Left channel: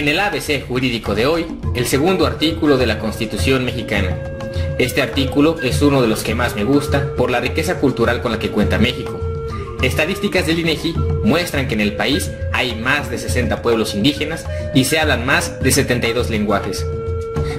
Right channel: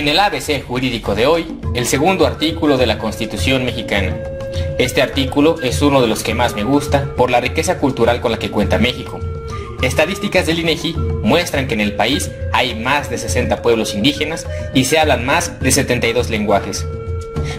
En el ABC jurídico de hoy, el segundo artículo de la Constitución mexicana. Este artículo es uno de los que más me gusta por la riqueza cultural con la que cuenta México. Estadísticas del INEGI muestran que en el país hay más de 60 pueblos indígenas y se hablan más de 72 lenguajes.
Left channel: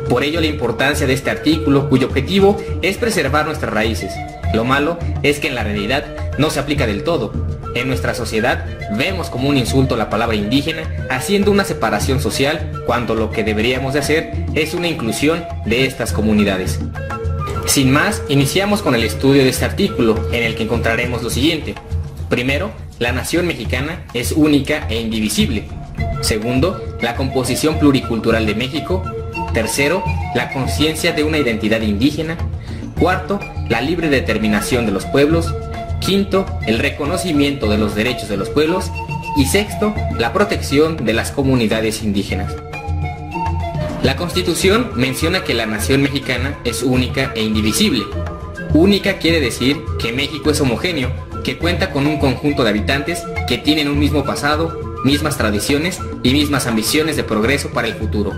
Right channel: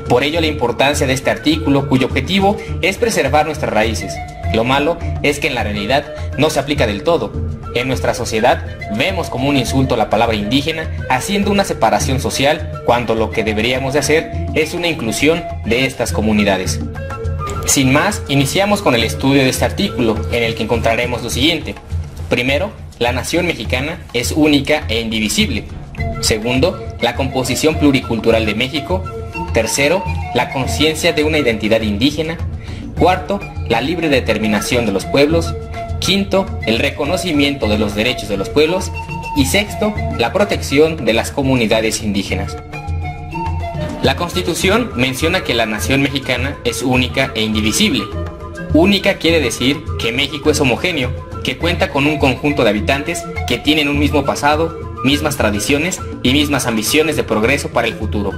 Por ello la importancia de este artículo, cuyo objetivo es preservar nuestras raíces. Lo malo es que en la realidad no se aplica del todo. En nuestra sociedad vemos como un insulto la palabra indígena, haciendo una separación social, cuando lo que deberíamos de hacer es una inclusión de estas comunidades. Sin más, iniciamos con el estudio de este artículo, en el que encontraremos lo siguiente. Primero, la nación mexicana es única e indivisible. Segundo, la composición pluricultural de México. Tercero, la conciencia de una identidad indígena. Cuarto, la libre determinación de los pueblos. Quinto, el reconocimiento de los derechos de los pueblos. Y sexto, la protección de las comunidades indígenas. La Constitución menciona que la nación mexicana es única e indivisible. Única quiere decir que México es homogéneo, que cuenta con un conjunto de habitantes que tienen un mismo pasado, mismas tradiciones y mismas ambiciones de progreso para el futuro.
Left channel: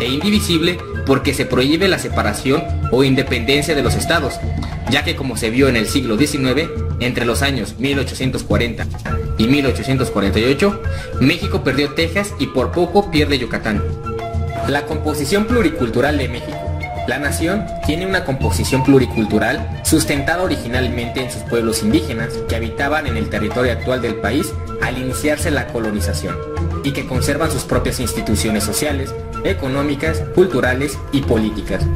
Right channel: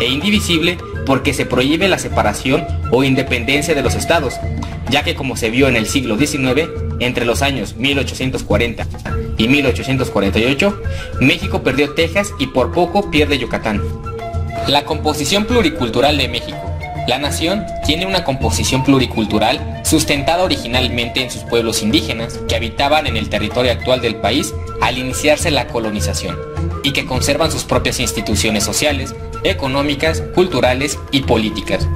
E indivisible porque se prohíbe la separación o independencia de los estados, ya que como se vio en el siglo XIX, entre los años 1840 y 1848, México perdió Texas y por poco pierde Yucatán. La composición pluricultural de México. La nación tiene una composición pluricultural sustentada originalmente en sus pueblos indígenas que habitaban en el territorio actual del país al iniciarse la colonización y que conservan sus propias instituciones sociales, económicas, culturales y políticas.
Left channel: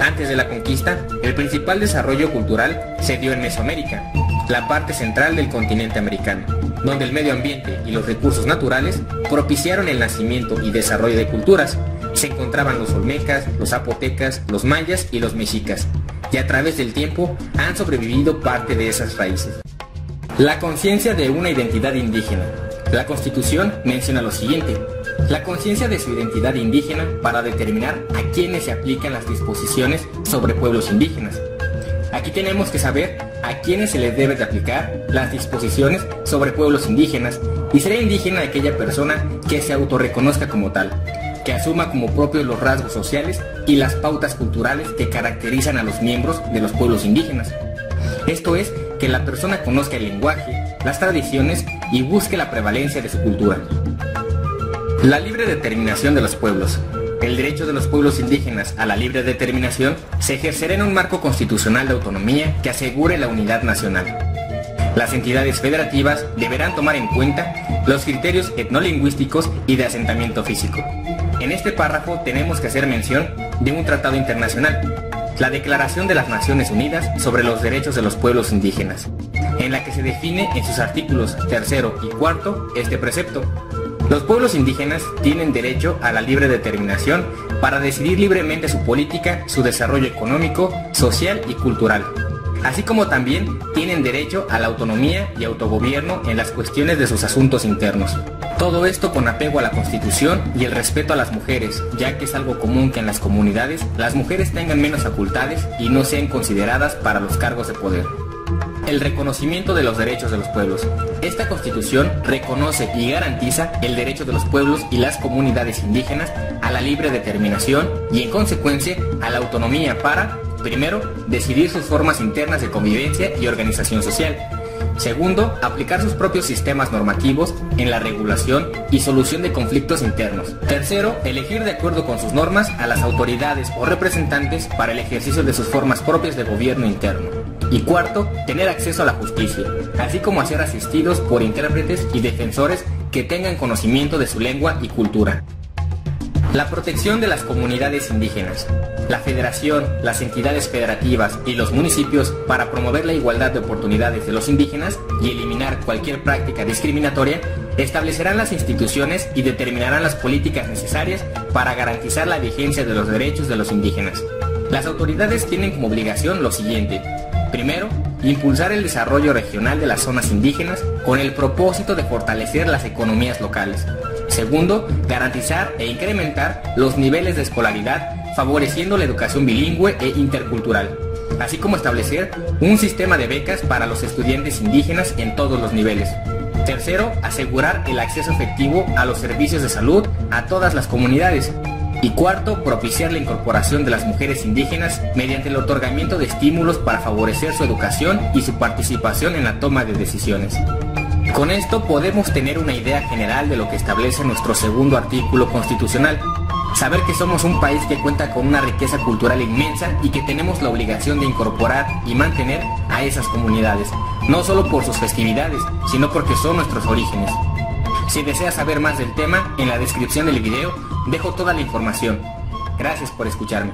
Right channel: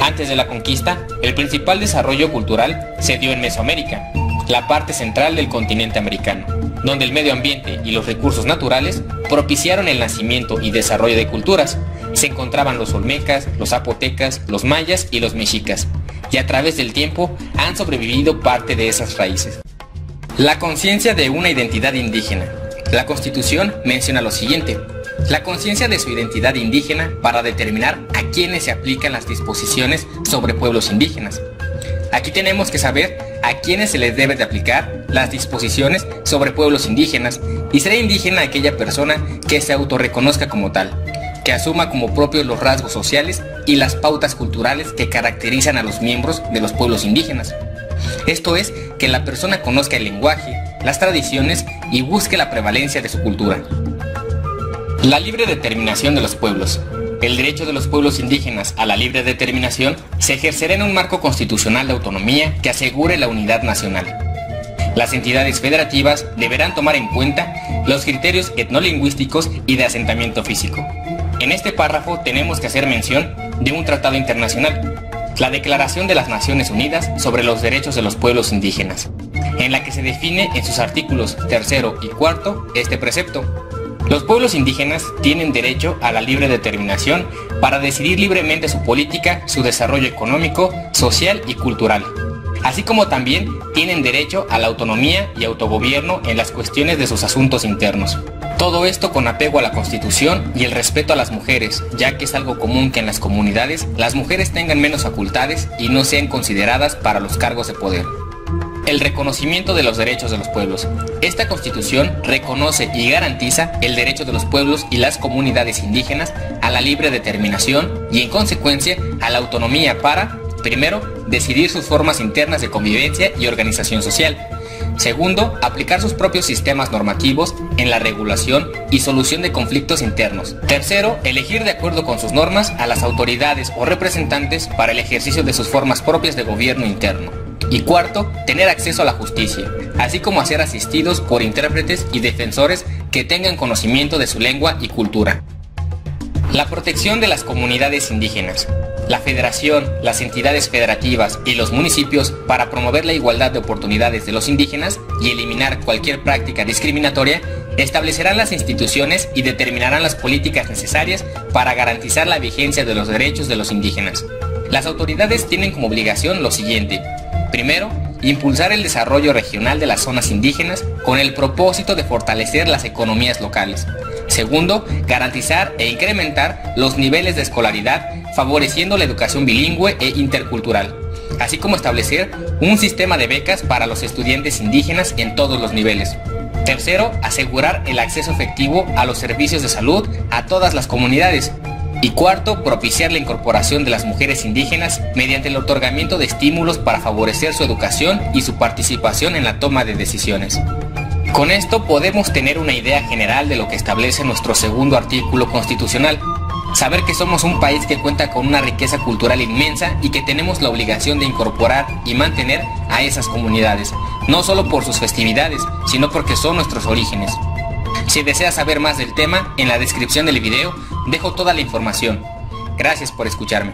Antes de la conquista, el principal desarrollo cultural se dio en Mesoamérica, la parte central del continente americano, donde el medio ambiente y los recursos naturales propiciaron el nacimiento y desarrollo de culturas. Se encontraban los olmecas, los zapotecas, los mayas y los mexicas, y a través del tiempo han sobrevivido parte de esas raíces. La conciencia de una identidad indígena. La Constitución menciona lo siguiente: la conciencia de su identidad indígena para determinar a quiénes se aplican las disposiciones sobre pueblos indígenas. Aquí tenemos que saber a quiénes se les debe de aplicar las disposiciones sobre pueblos indígenas, y será indígena aquella persona que se autorreconozca como tal, que asuma como propios los rasgos sociales y las pautas culturales que caracterizan a los miembros de los pueblos indígenas. Esto es, que la persona conozca el lenguaje, las tradiciones y busque la prevalencia de su cultura. La libre determinación de los pueblos. El derecho de los pueblos indígenas a la libre determinación se ejercerá en un marco constitucional de autonomía que asegure la unidad nacional. Las entidades federativas deberán tomar en cuenta los criterios etnolingüísticos y de asentamiento físico. En este párrafo tenemos que hacer mención de un tratado internacional, la Declaración de las Naciones Unidas sobre los Derechos de los Pueblos Indígenas, en la que se define en sus artículos 3 y 4 este precepto. Los pueblos indígenas tienen derecho a la libre determinación para decidir libremente su política, su desarrollo económico, social y cultural, así como también tienen derecho a la autonomía y autogobierno en las cuestiones de sus asuntos internos. Todo esto con apego a la Constitución y el respeto a las mujeres, ya que es algo común que en las comunidades las mujeres tengan menos facultades y no sean consideradas para los cargos de poder. El reconocimiento de los derechos de los pueblos. Esta Constitución reconoce y garantiza el derecho de los pueblos y las comunidades indígenas a la libre determinación y, en consecuencia, a la autonomía para, primero, decidir sus formas internas de convivencia y organización social. Segundo, aplicar sus propios sistemas normativos en la regulación y solución de conflictos internos. Tercero, elegir de acuerdo con sus normas a las autoridades o representantes para el ejercicio de sus formas propias de gobierno interno. Y cuarto, tener acceso a la justicia, así como a ser asistidos por intérpretes y defensores que tengan conocimiento de su lengua y cultura. La protección de las comunidades indígenas. La Federación, las entidades federativas y los municipios, para promover la igualdad de oportunidades de los indígenas y eliminar cualquier práctica discriminatoria, establecerán las instituciones y determinarán las políticas necesarias para garantizar la vigencia de los derechos de los indígenas. Las autoridades tienen como obligación lo siguiente: primero, impulsar el desarrollo regional de las zonas indígenas con el propósito de fortalecer las economías locales. Segundo, garantizar e incrementar los niveles de escolaridad, favoreciendo la educación bilingüe e intercultural, así como establecer un sistema de becas para los estudiantes indígenas en todos los niveles. Tercero, asegurar el acceso efectivo a los servicios de salud a todas las comunidades. Y cuarto, propiciar la incorporación de las mujeres indígenas mediante el otorgamiento de estímulos para favorecer su educación y su participación en la toma de decisiones. Con esto podemos tener una idea general de lo que establece nuestro segundo artículo constitucional. Saber que somos un país que cuenta con una riqueza cultural inmensa y que tenemos la obligación de incorporar y mantener a esas comunidades, no solo por sus festividades, sino porque son nuestros orígenes. Si deseas saber más del tema, en la descripción del video dejo toda la información. Gracias por escucharme.